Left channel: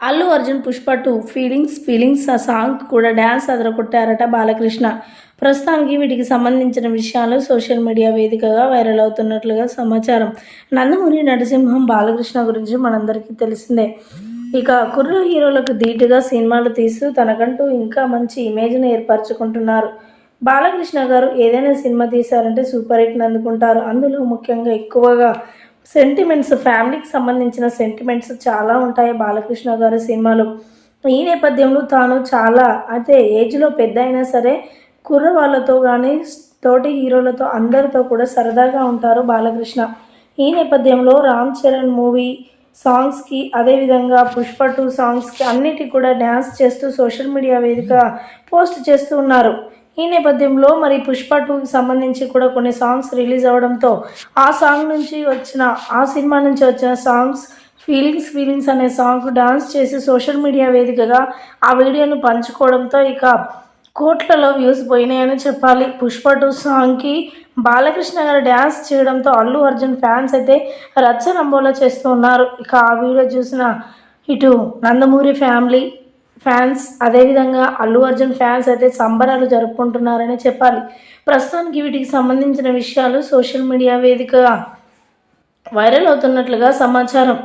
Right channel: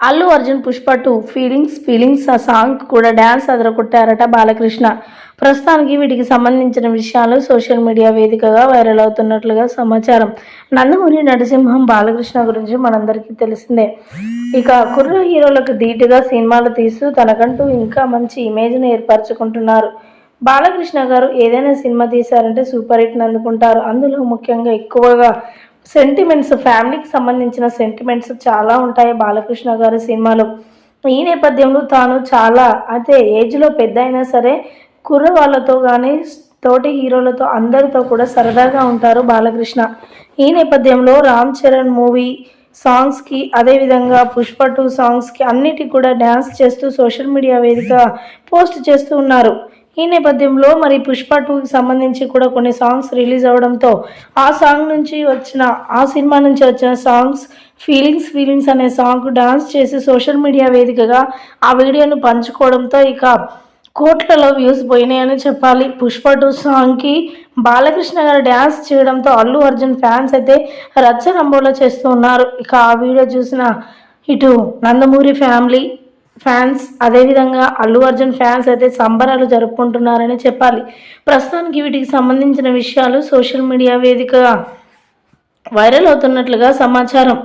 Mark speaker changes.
Speaker 1: Allu Arjun Pushpa two feelings feelings ఆ song కూడా dance అదరగొట్టారట బాలకృష్ణ. ప్రస్తుతానికి వీటికి సంబంధించిన విషయాలు సోషల్ మీడియా వేదికగా వైరల్ అవుతున్నట్లుగా సమాచారం. నందమూరి నరసింహం బాలకృష్ణ గురించి మనందరికీ తెలిసిందే. ఇక కుర్ర హీరోలకు ధీటుగా సినిమాలు తీస్తూ తనకంటూ ఇంకా మంచి ఇమేజ్ని ఏర్పరచుకుంటున్నారు. బాలకృష్ణ గారు ఏదైనా సినిమా తీశారంటే సూపర్ హిట్ని అందుకుంటారు. అందులో ముఖ్యంగా ఎక్కువగా సెంటిమెంట్స్ ఫ్యామిలీకి సంబంధించిన సెంటిమెంట్స్ చాలా ఉంటాయి బాలకృష్ణ గారి సినిమాలు. ఈ నేపథ్యంలో తాను చాలా అయితే ఏజ్లో పెద్ద అయినా సరే కుర్ర వాళ్ళతో కానీ తోటి హీరోలతో అందరితో కూడా సరదాగా ఉంటారు బాలకృష్ణ. ఈ నేపథ్యంలో రామ్ చరణ్ మూవీ సాంగ్స్కి అదేవిధంగా పుష్ప టూ సాంగ్స్కి అన్నిటికి కూడా డ్యాన్స్ చేస్తూ సోషల్ మీడియా వేదిక పోస్ట్ చేస్తూ ఉన్నారు. ఈ నేపథ్యంలో మరి పుష్ప టూకి సంబంధించి కూడా కొన్ని సాంగ్స్ రిలీజ్ అవడంతో ఆ సాంగ్ నుంచి వచ్చిన ఆ సినిమా నుంచి వచ్చిన సాంగ్స్ ఫీలింగ్స్ ఫీలింగ్స్ అనే సాంగ్ డాన్స్ చేసి సోషల్ మీడియా వేదికగా ఆ వీడియోను పంచుకోవడంతో ఇక కోట్లలో వ్యూస్ పోయినాయని చెప్పాలి. పుష్ప టూ సాంగ్కి బాలకృష్ణ గారు డ్యాన్స్ చేయడంతో అల్లు అర్జున్ ఫ్యాన్స్ అయితే రచ్చ రంబోలో చేస్తూ ఉన్నారు ఇక ఆ వీడియో చూసిన ఇటు నందమూరి ఫ్యామిలీ ఫ్యాన్స్ అదేవిధంగా అల్లు అర్జున్ ఫ్యాన్స్ అయితే సంబరాలు జరుపుకుంటున్నారని చెప్పాలి. ప్రస్తుతానికి వీటికి సంబంధించిన విషయాలు సోషల్ మీడియా వేదికగా వైరల్ అవుతున్నట్లుగా సమాచారం.